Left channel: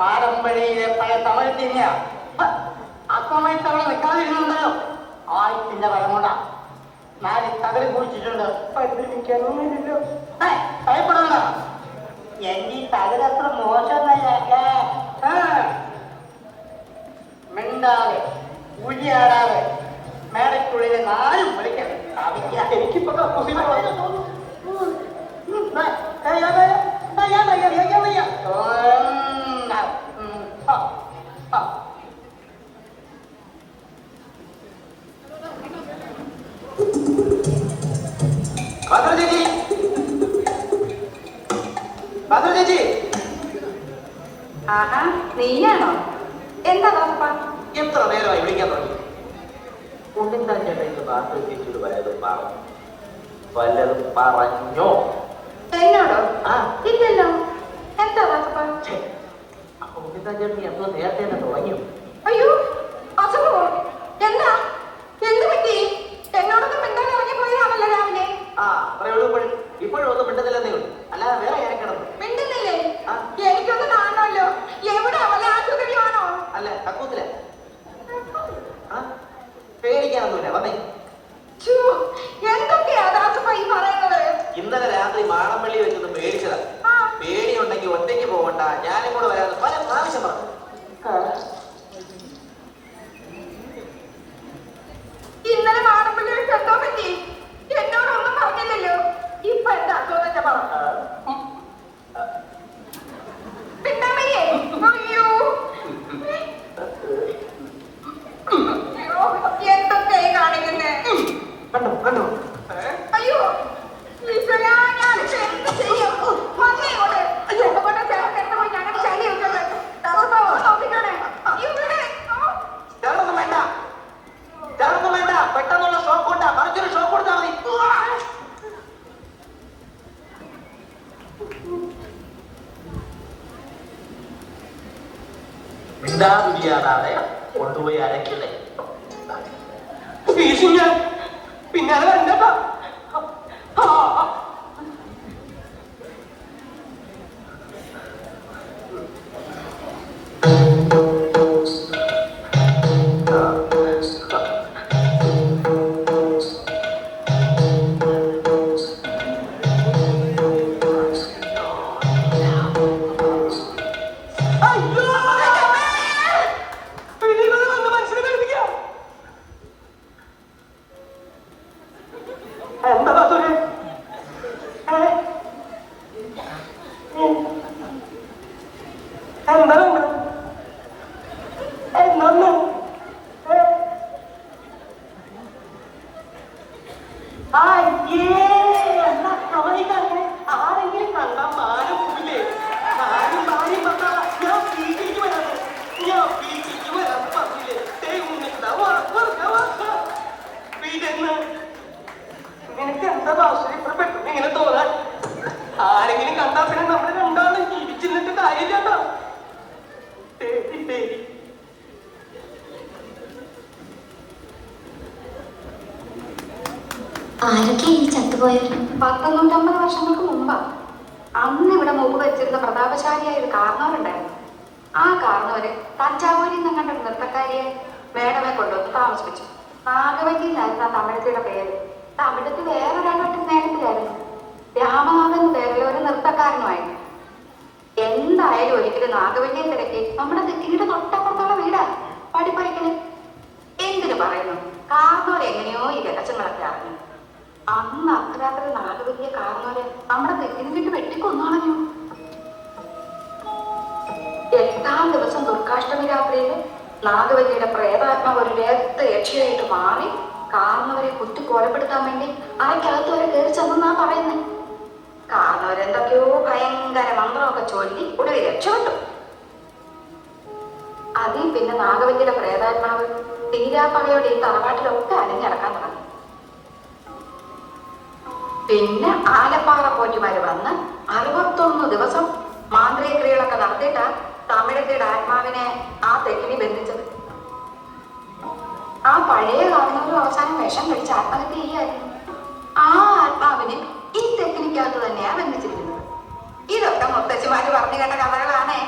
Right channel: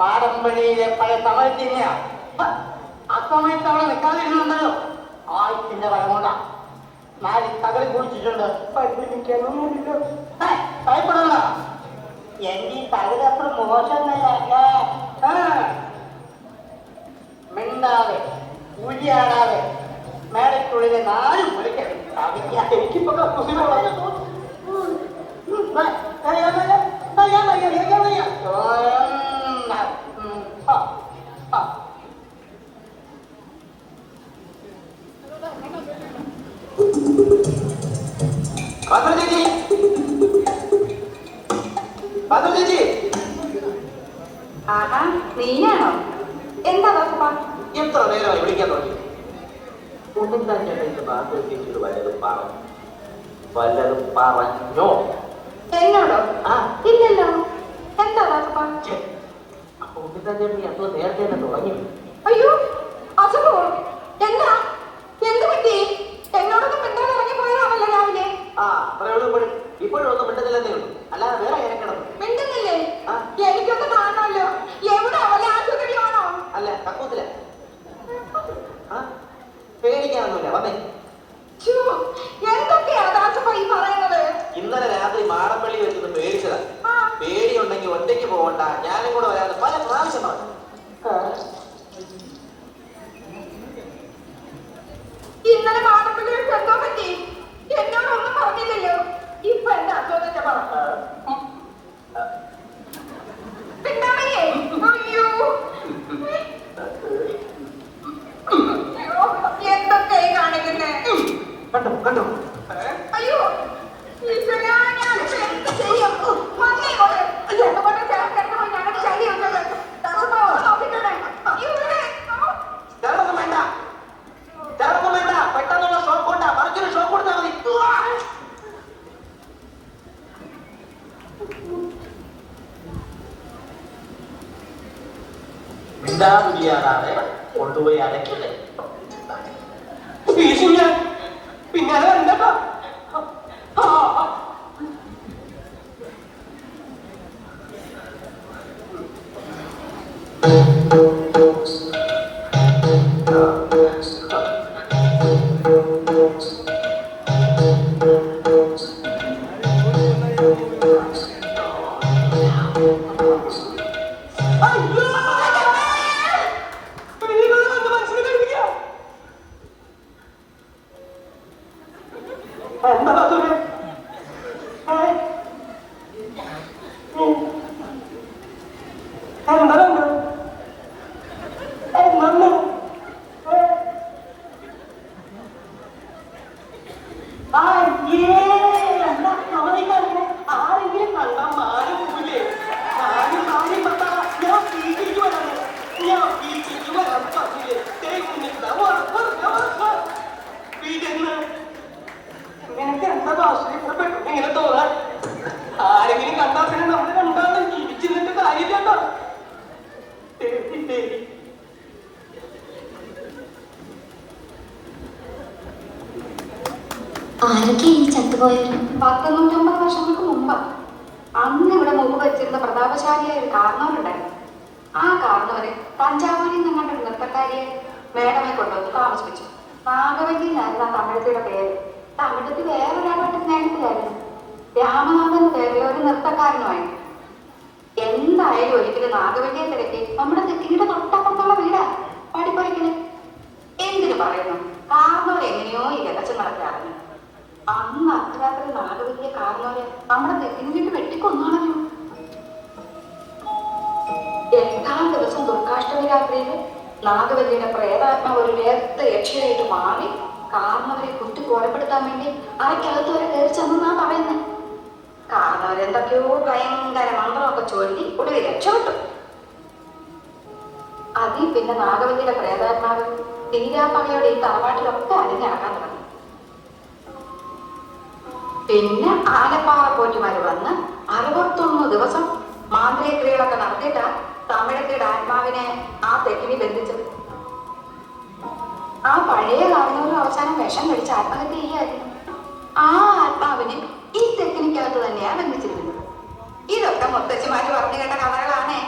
പാരമ്പര്യയിലെ പല തമിഴ്ത്തിന്യ ആ സമയത്ത് അവളെ നിൽക്കാതിരുന്നുണ്ടല്ലോ ആയിരത്തിന്റെ വരമുണ്ട നാല് തകലി കുടിച്ചിട്ടുണ്ട്. ഭയപ്പെടണ്ട, എന്റെ ഈ തകല് അത്ര മോശമല്ല. മിണ്ടാതെ ഉഴിയാടാതെ മേടക്കുള്ളിലെ നാലും വിളിക്കണം. എനിക്കിപ്പോ നീയാണോ? എന്താ എത്ര നേരമായി വിളിക്കാൻ തുടങ്ങി? വല്ലതും പറഞ്ഞോ? എന്നോടോ? ഇല്ലല്ലോ. എന്താ അപ്പൊ ചേട്ടൻ എത്ര നേരത്തെ തന്നെ തുടങ്ങി? അയ്യോ അസുഖോ? എന്താ? എന്ത് പറ്റി? എന്നോടൊന്നും മിണ്ടാൻ ഇറങ്ങിപ്പോയതാണല്ലോ രാവിലെ. ഇപ്പോഴും ഒന്നും മിണ്ടുന്നില്ലെന്നേ ഉള്ളൂ, അല്ലാതെ വേറെ ഇറക്കണം. മിണ്ടുന്നില്ലേ? എനിക്കൊന്ന് കാണണമല്ലോ. എവിടെ? അവളെ ആശുപത്രിയാണോ? അല്ല, കക്കൂത്തില. പേടിക്കാനൊന്നുമില്ല, വന്നേ. എന്തൊക്കെയാ ഈ പറയുന്നത്? ഇന്നലെ രാത്രി മാടമ്പള്ളി വെച്ചൊന്ന് പേടിച്ചതാ. പേടിയുണ്ടെങ്കിൽ ഒറ്റയ്ക്ക് പോകണ്ട, ഞാനും കൂടെ വരാതെ പല പ്രാവശ്യം പറഞ്ഞു. ഇന്നലെ മാടമ്പള്ളി വെച്ച് എന്തോ പറ്റി? എന്നോടൊന്നും പറഞ്ഞില്ലല്ലോ. ഇപ്പൊ എന്താ അസുഖത്തെ പറഞ്ഞു? എന്തൊക്കെ കാണിക്കുന്നേ? കണ്ടോ? അയ്യോ പെട്ടെന്നുള്ള ഷോക്ക് കൊണ്ടാ, മറിച്ചൊരു ഷോക്ക് കൊടുത്താൽ മതി. മിണ്ടാതിരിയാതെ കൊണ്ടുപോയി അടയ്ക്കല്ലേ. പിന്നെ അത് വരണ്ടോ? ആരൊക്കെ ഈ ചത്തുപോയത്? 150 വർഷങ്ങൾക്ക് മുമ്പാ. അന്ന് ഇവിടെ മുമ്പ് വെച്ചിരുന്ന പ്രതാപശാലിയായ ഒരു കാർന്നവരുണ്ടായിരുന്നു. ആ കാർന്നവര് തഞ്ചാവൂരിൽ നിന്ന് കണ്ട നൃത്തക്കാരിയെ മേടമെ കൊണ്ടുവന്ന് താമസിപ്പിച്ചു. നാഗവല്ലിയിലായിരുന്നു ആ തമിഴത്തിയുടെ പേര്. തമിഴത്തിൽ വേറൊരാളായിട്ട് സ്നേഹത്തിലായിരുന്നു. രാമനാഥൻ വേറെ ഒരു നൃത്തക്കാരനുമായിരുന്നു. എന്തായാലും ഒരിക്കലും നാഗവല്ലിയെ തിരക്കി നമ്മുടെ തെക്കിനിയുടെ തൊട്ടപ്പുറത്തുള്ള വീടാ പടിപ്പറിക്കല്. എന്തിനു പറയുന്നു, കാർന്നവർ എങ്ങനെയോ ഈ രഹസ്യങ്ങളൊക്കെ അറിഞ്ഞു. അന്ന് അർദ്ധരാത്രി നാഗവല്ലിയെ കാർന്നവരെ നമ്മുടെ തെക്കിന് വീട്ട് വെട്ടിക്കൊന്നാളഞ്ഞു. 8-ാം ദിവസം ദുർഗാഷ്ടമി രാത്രിയിൽ നാഗവല്ലിയുടെ പ്രേതാത്മാവ് ഒരു നേരത്തെ യക്ഷിയായിട്ട് മാറി കാർന്നവരെ കുത്തി കൊലപ്പെടുത്താൻ വേണ്ടി അരയ്ക്കകത്ത് വരെ കയറി ചെന്നാ പറയുന്നത്. കാർന്നവരെന്തൊക്കെയോ ഭയങ്കര മന്ത്രമൊക്കെ ചൊല്ലി ഒടുവിൽ രക്ഷപ്പെട്ടു. അതിൽ പിന്നെ നാഗവല്ലിയുടെ പ്രേതാത്മാവ് തീരാപ്പകയോടെ ഈ തറവാട്ടിലൊക്കെ അലിഞ്ഞടക്കാൻ തുടങ്ങി. പിന്നെ ആലപ്പാറ പോറ്റിമാര് വന്ന് 61 ദിവസം മാന്ത്രിക ക്രിയകളൊക്കെ നടത്തിയിട്ടാ തമിഴത്തിയുടെ ആത്മാവിനെ ആ തെക്കിനി ബന്ധിച്ചത്. ആ പഴയ കാരണവരും അവസാനം വിഷം കഴിച്ച് ആത്മഹത്യ ചെയ്യായിരുന്നു. ആ ആത്മാവിനെ ഈ തെക്കിനിക്കകത്ത് തന്നെയാ ബന്ധിച്ചിരുന്നത്. ഇതൊക്കെ മുത്തച്ഛിമാര് പറഞ്ഞു കേട്ട കഥകളാണേ.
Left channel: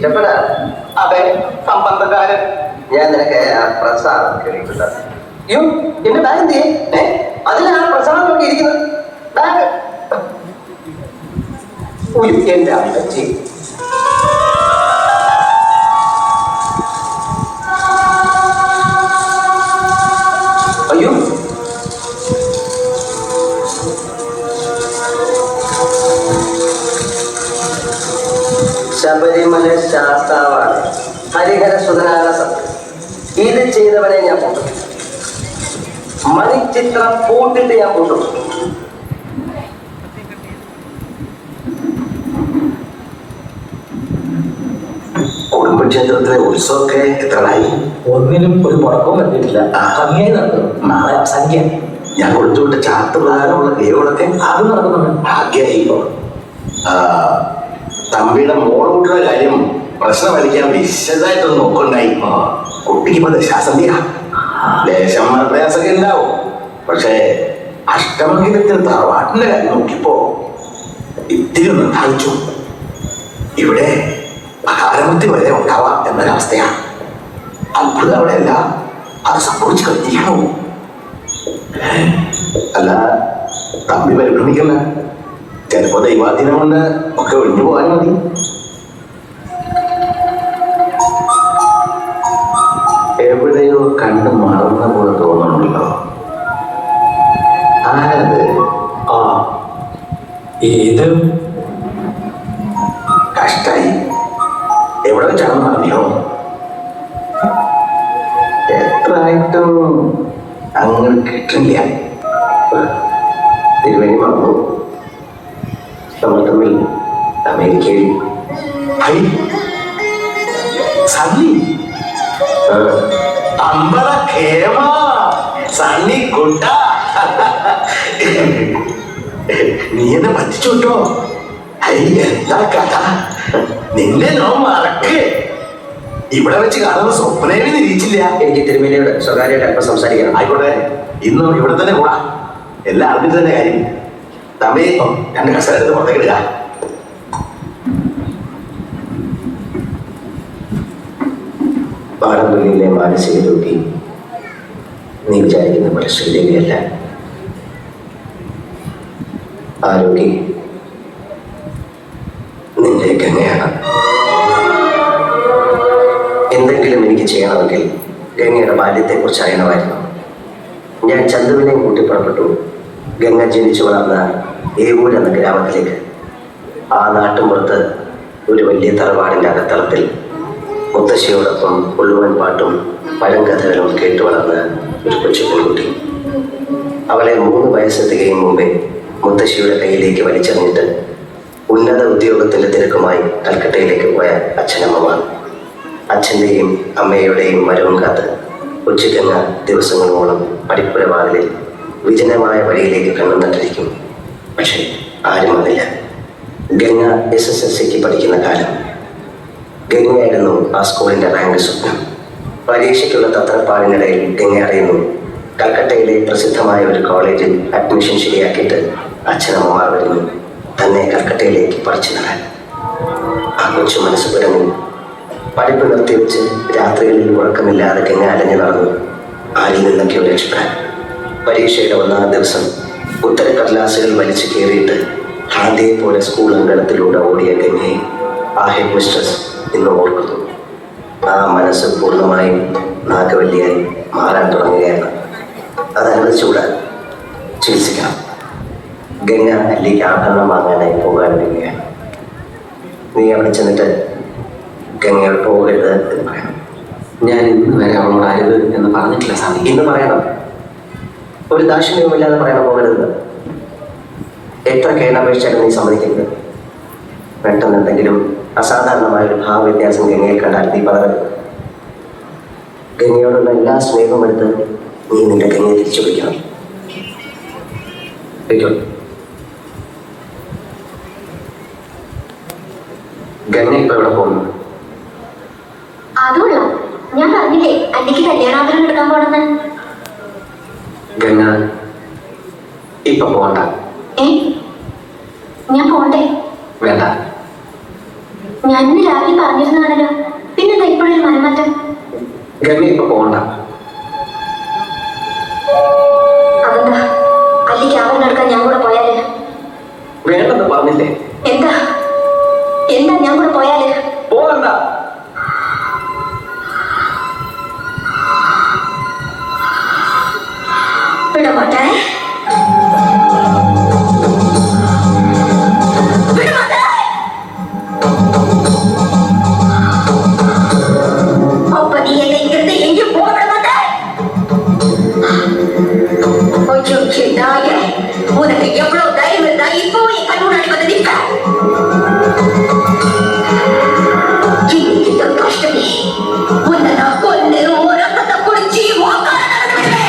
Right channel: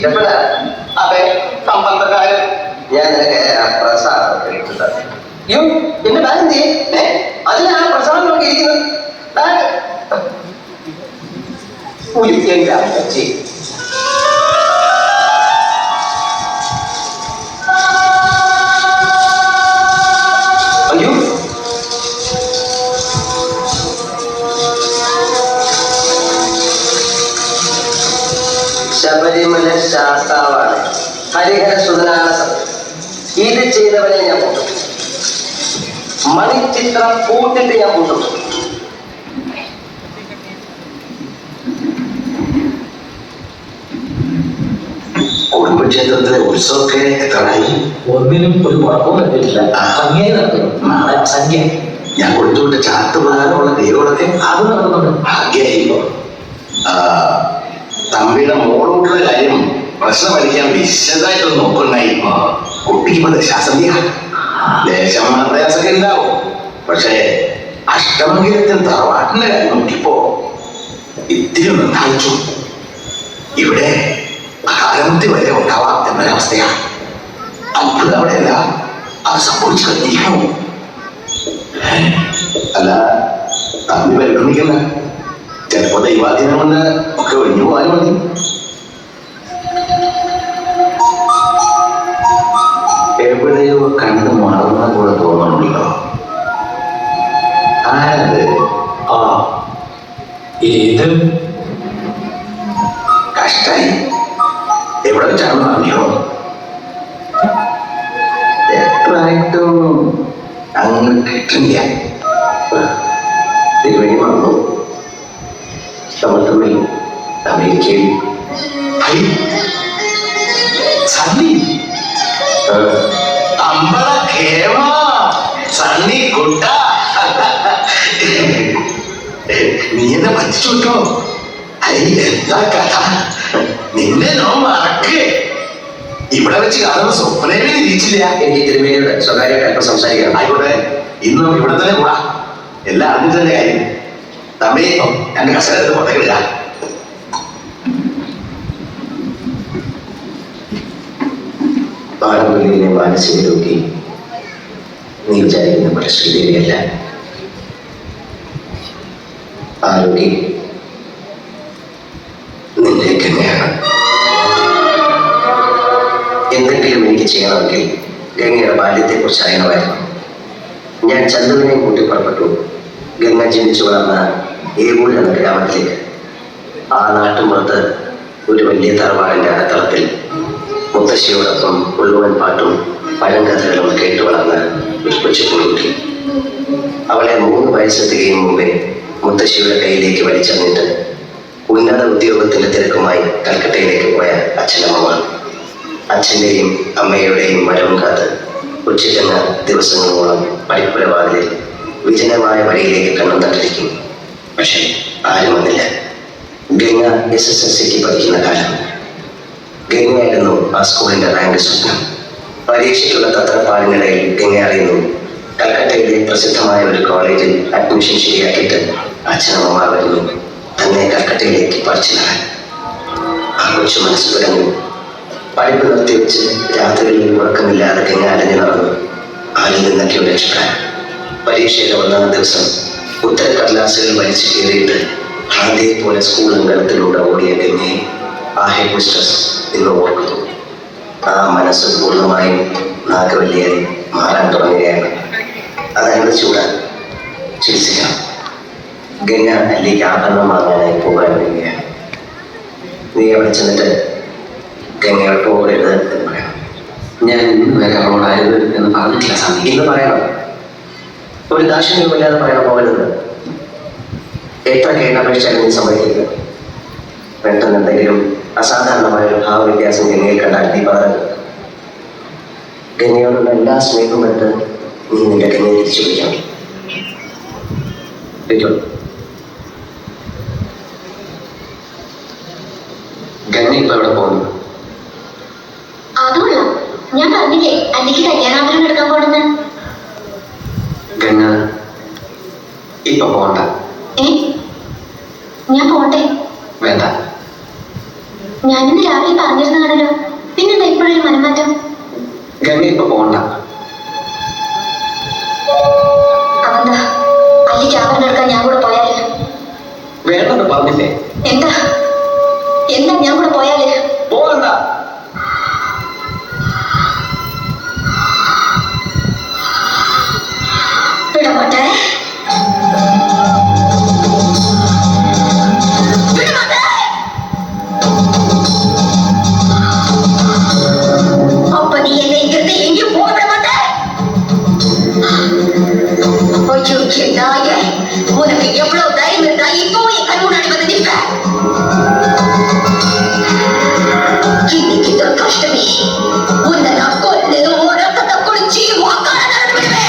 ഇഷ്ടപ്പെടാ അതെ, സമ്പന്നക്കാരൻ. ഞാൻ നിനക്ക് ആ പ്രസാദം കഴിക്കുന്നത്. അയ്യോ എന്റെ ബാഗ് എന്ത് ചെയ്യേ? അതിലാണ് പ്രസാദം നോക്കിയിരിക്കുന്നത്. ബാഗ് ഒരിക്കലില്ല അമ്മച്ചി. അയ്യോ ശബരിമല ശാസ്താവാണ്, ഹരിഹര സുതനാണ് സത്യം. ഇത് ചെയ്തവരെ ഞാൻ കൂട്ടും. മണിച്ചിത്രം പൂട്ടിട്ട് ഞാൻ കൂട്ടും. കുടുംബക്ഷേത്രത്തിലെ ഉത്സവമൊക്കെ എത്രയായി? ഒന്നിനും ഒരു കുഴപ്പവും പറ്റിയിട്ടില്ല. ഭംഗിയായി നടത്തും. സംഖ്യ ഞാൻ കൊടുത്തുവിട്ട ചാർട്ട് പ്രകാരമുള്ള ദൈവങ്ങളൊക്കെ അത് നടക്കുന്നുണ്ട്. ഭാഗ്യമായിപ്പോ. തമ്പിയുടെ മോളൂട്ടുള്ള കാര്യം പ്രശ്നമടിക്കാൻ വിശദമായിട്ടൊന്ന് നോക്കുന്നുണ്ടായി. കുട്ടിക്ക് ദശാസന്ധിയാ, ദേശം പ്രയാസമൊക്കെ ഉണ്ടാവും. പക്ഷേ അഷ്ടമംഗലത്തിന് തറവാട്ടിന്റെ കാര്യം നോക്കിയപ്പോ ഇത്തിരി നിർദ്ധാരിച്ചു. ഇവിടെ ഭാരമത്തി വരെ ഉണ്ടാവാം എന്നൊരവസ്ഥയാ. അത്ഭുതം അവിടെയല്ല, അത് സംഭവിച്ചു കഴിഞ്ഞിരിക്കുന്നു. അല്ല, തമ്പി പരിഭ്രമിക്കുന്ന ചിലപ്പോ ദൈവാധീനം കൊണ്ട് ഒക്കെ ഒഴിഞ്ഞു പോകാനും മതി. എവിടെയോ കണ്ടു മാറുന്ന പോലെ തോന്നണമല്ലോ. ആരത്? ആ ഇത് കഷ്ടായി. എവിടെ വെച്ചാണെന്ന് അറിയോ? എത്രയായിട്ടും അങ്ങ് കിട്ടില്ല. തിരുവഴി വന്നു. നമ്മൾ തമ്മിൽ അമേരിക്കയിൽ സണ്ണി അമ്പള കേമ സണ്ണി കുട്ട. നീ എന്നെ പറ്റിച്ചോട്ടോ. എന്താ കഥ? നിന്നെ ഞാൻ മറക്കേ. ഇവിടെ വെച്ച് കാണുന്ന സ്വപ്നയിൽ നിരീക്ഷിച്ചില്ല. എനിക്ക് തിരുമേനിയോട് സ്വകാര്യമായിട്ട് അല്പം സംസാരിക്കണം. ആയിക്കോട്ടെ, ഇന്നും ഇവിടെ തന്നെ കൂടാ. എല്ലാം അറിഞ്ഞിട്ട് തന്നെ കാര്യം. തമ്മി എന്റെ കസേരത്ത് പുറത്തേക്കില്ല. പാറമ്പള്ളിയിലെ മാനസിക രോഗി നീ വിചാരിക്കുന്ന പോലെ ശ്രീദേവിയല്ല. ആ രോഗി നിന്റെ ഗംഗയാണ്. എന്തെങ്കിലും എനിക്ക് ചെയ്യണമെങ്കിൽ ഗംഗയുടെ ബാല്യത്തെക്കുറിച്ച് അറിയണമായിരുന്നു. ഞാൻ ചന്തുവിനെയും കൂട്ടി പുറപ്പെട്ടു ഗംഗ ജനിച്ചു വളർന്ന ഏവൂർ എന്ന ഗ്രാമത്തിലേക്ക്. ആ നാട്ടുമ്പുറത്ത് ഒരു വലിയ തറവാടിൻ്റെ അകത്തളത്തിൽ മുത്തശ്ശിയോടൊപ്പം ഉള്ളുവൻ പാട്ടും പഴങ്കഥകളും കേട്ടു വളർന്ന ഒരു കൊച്ചു പെൺകുട്ടി. അവളെ 3 വയസ്സെത്തുകയും മുമ്പേ മുത്തശ്ശിയുടെ കയ്യിലേക്ക് വലിച്ചെറിഞ്ഞിട്ട് ഉന്നത ഉദ്യോഗത്തിന്റെ തിരക്കുമായി കൽക്കട്ടയിലേക്ക് പോയ അച്ഛനമ്മമാർ. അച്ഛൻ്റെയും അമ്മയുടെയും വരവും കാത്ത് ഉച്ചയ്ക്കെന്ന ദിവസങ്ങളോളം പടിപ്പുരവാതിലിൽ വിജനമായ വഴിയിലേക്ക് കണ്ണും നട്ടിരിക്കും. പക്ഷേ ആരും വന്നില്ല. ഗംഗ SSLCക്ക് പഠിക്കുന്ന കാലം. ഗംഗയായിരുന്നു ആ സ്കൂളിൻ്റെ റാങ്ക് സ്വപ്നം. പരീക്ഷയ്ക്കുള്ള തത്രപ്പാടിനിടയിൽ ഗംഗ അറിയുന്നു കൽക്കട്ടയിലെ പ്രസിദ്ധമായ ഒരു കോളേജിൽ അഡ്മിഷൻ ശരിയാക്കിയിട്ട് അച്ഛനമ്മമാർ വരുന്നു തന്നെ കൽക്കട്ടയിലേക്ക് പഠിച്ചു തരാൻ. ആ കൊച്ചു മനസ്സ് തുടങ്ങി. പഠിപ്പ് നിർത്തിവെച്ച് രാത്രികളിൽ ഉറക്കമില്ലാതെ ഗംഗ അലഞ്ഞു നടന്നു ആരിൽ നിന്നൊക്കെയോ രക്ഷപ്പെടാൻ. പരീക്ഷയുടെ 1ാം ദിവസം ഉത്തരക്കടലാസുകൾ വലിച്ചു കയറിയിട്ട് ഹാദിയെ പോലെ സ്കൂൾ അങ്കണത്തിലൂടെ ഓടിയ ഗംഗയെ ആ ഹെഡ് മിസ്ട്രസ് ഇന്ന് ഓർക്കുന്നു. ആ മനസ്സ് പൂർണ്ണമായും നാഗവല്ലിയായി മാറാൻ തുടങ്ങുകയാണ്. അതനുവദിച്ചുകൂടാൻ ചികിത്സിക്കണം. ഗംഗ അല്ലേക്ക് ആഭരണം വാങ്ങാനായി പോകാൻ വരികയാണ്. നീ അവിടെ ചെന്നിട്ട് ഗംഗയോട് പോകരുത് എന്ന് പറയണം. ഞാൻ അവളോട് ആയത് എന്ന് പറഞ്ഞിട്ടില്ല സ്വാമി. ഇന്ന് പറയണം. ഒരു ദാക്ഷിണ്യവുമില്ലാതെ പറയണം പോകരുത്. എത്ര കേട്ടപേക്ഷിച്ചാലും നീ സമ്മതിക്കില്ല. പെട്ടെന്ന് എന്തെങ്കിലും അസാധാരണമായ ഒരു ഭാവവ്യത്യാസം ഗംഗയിൽ കണ്ടാൽ നീ പറയരുത്. ഗംഗയോടുള്ള എല്ലാ സ്നേഹവും എടുത്ത് നീ നിന്റെ ഗംഗയെ തിരിച്ചു പിടിക്കണം. ഗംഗ ഇപ്പൊ എവിടെ പോകുന്നു? അതുകൊള്ളാം. ഞാൻ പറഞ്ഞില്ലേ അല്ലെങ്കിൽ കല്യാണാന്തരം എടുക്കാൻ പോണെന്ന്. ഗംഗ ഇപ്പൊ പോകണ്ട. ഞാൻ പോണ്ടേ? വേണ്ട. ഞാനിന്ന് രാവിലെ പറഞ്ഞിരുന്നതാണല്ലോ, പിന്നെന്താ ഇപ്പോഴൊരു മനംമാറ്റം? ഗംഗ ഇപ്പൊ പോകണ്ട. അതെന്താ? അല്ലിക്ക് ആഭരണം എടുക്കാൻ ഞാൻ കൂടെ പോയാലേ? വേണ്ടെന്ന് പറഞ്ഞില്ലേ? എന്താ എന്താ ഞാൻ കൂടെ പോയാലേ? പോകണ്ട. വിടമോട്ടെ. அப்ப நீ என்னை இங்கிருந்து எங்கேயும் போக விட மாட்டாய். ஐயோ நாயே, உனக்கு எவ்வளவு தைரியம் இருந்தா இப்போ என் கண் முன்னாடி வந்து நிற்ப? இன்னைக்கு தான் கஷ்டமே. உன்னை நான் கொண்டு ஒரு ரத்தத்தை குடிச்சு உக்கார நடப்பிடுவேன்.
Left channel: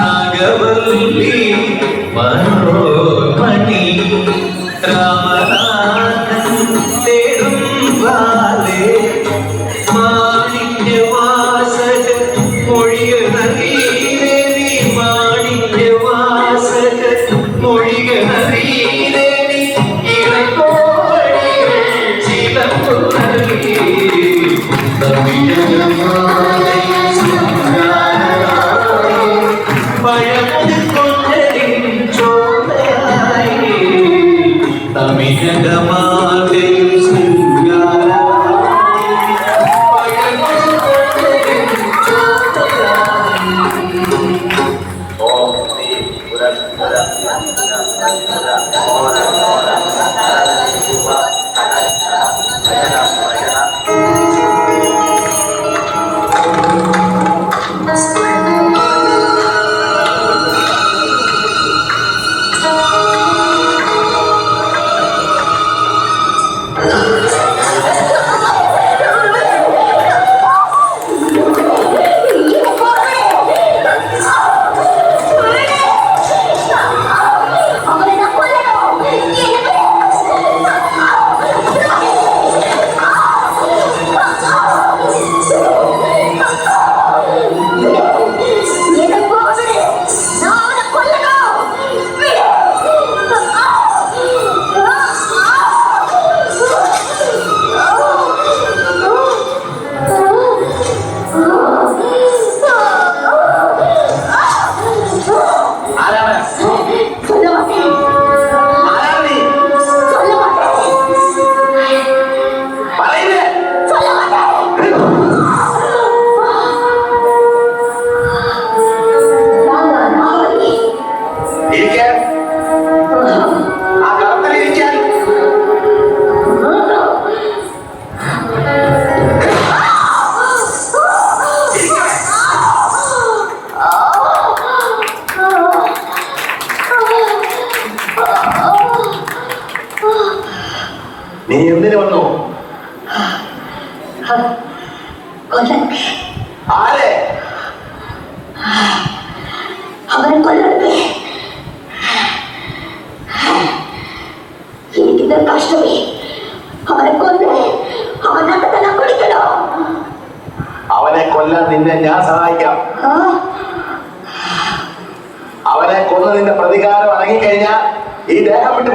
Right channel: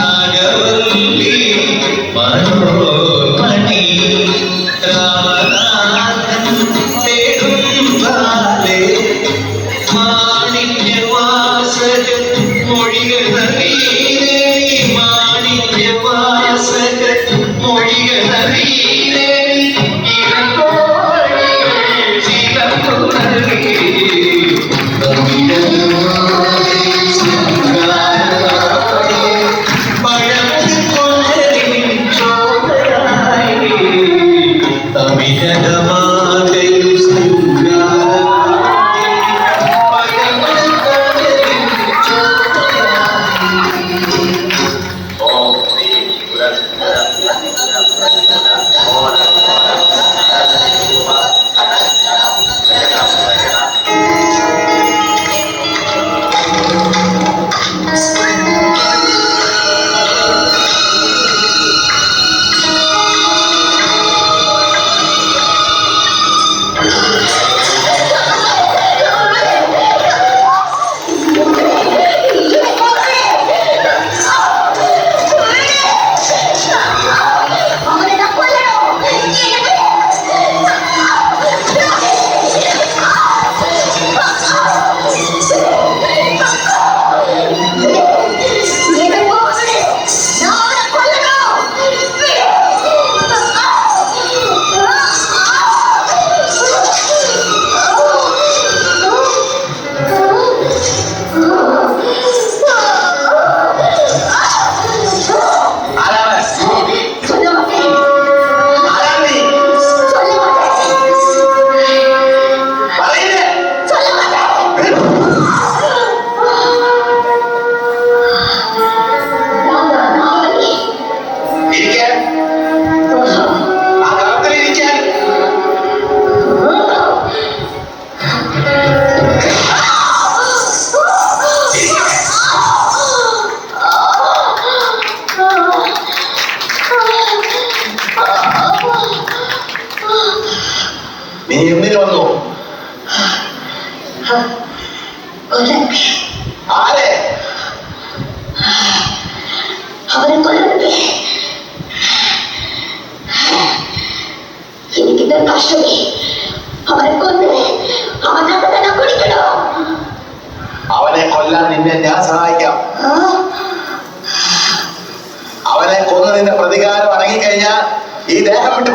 नागवल्ली मनोमणि നീ എന്തിനു വന്നു? കൊല്ലൻ ആരെ? അവനെ കൊല്ലണ്ടേ? എനിക്കിത് കഷ്ടമേ. അവനെ കൊന്ന് അവനെ തന്നെ കുടിക്കണോ? അവനെ കൊല്ലാൻ നിന്നെ ഞാൻ സഹായിക്കാം. അവനെ കൊന്ന് നിന്റെ പ്രതികാരം അടങ്ങിക്കഴിഞ്ഞാൽ ഈ ദേഹം വിട്ടു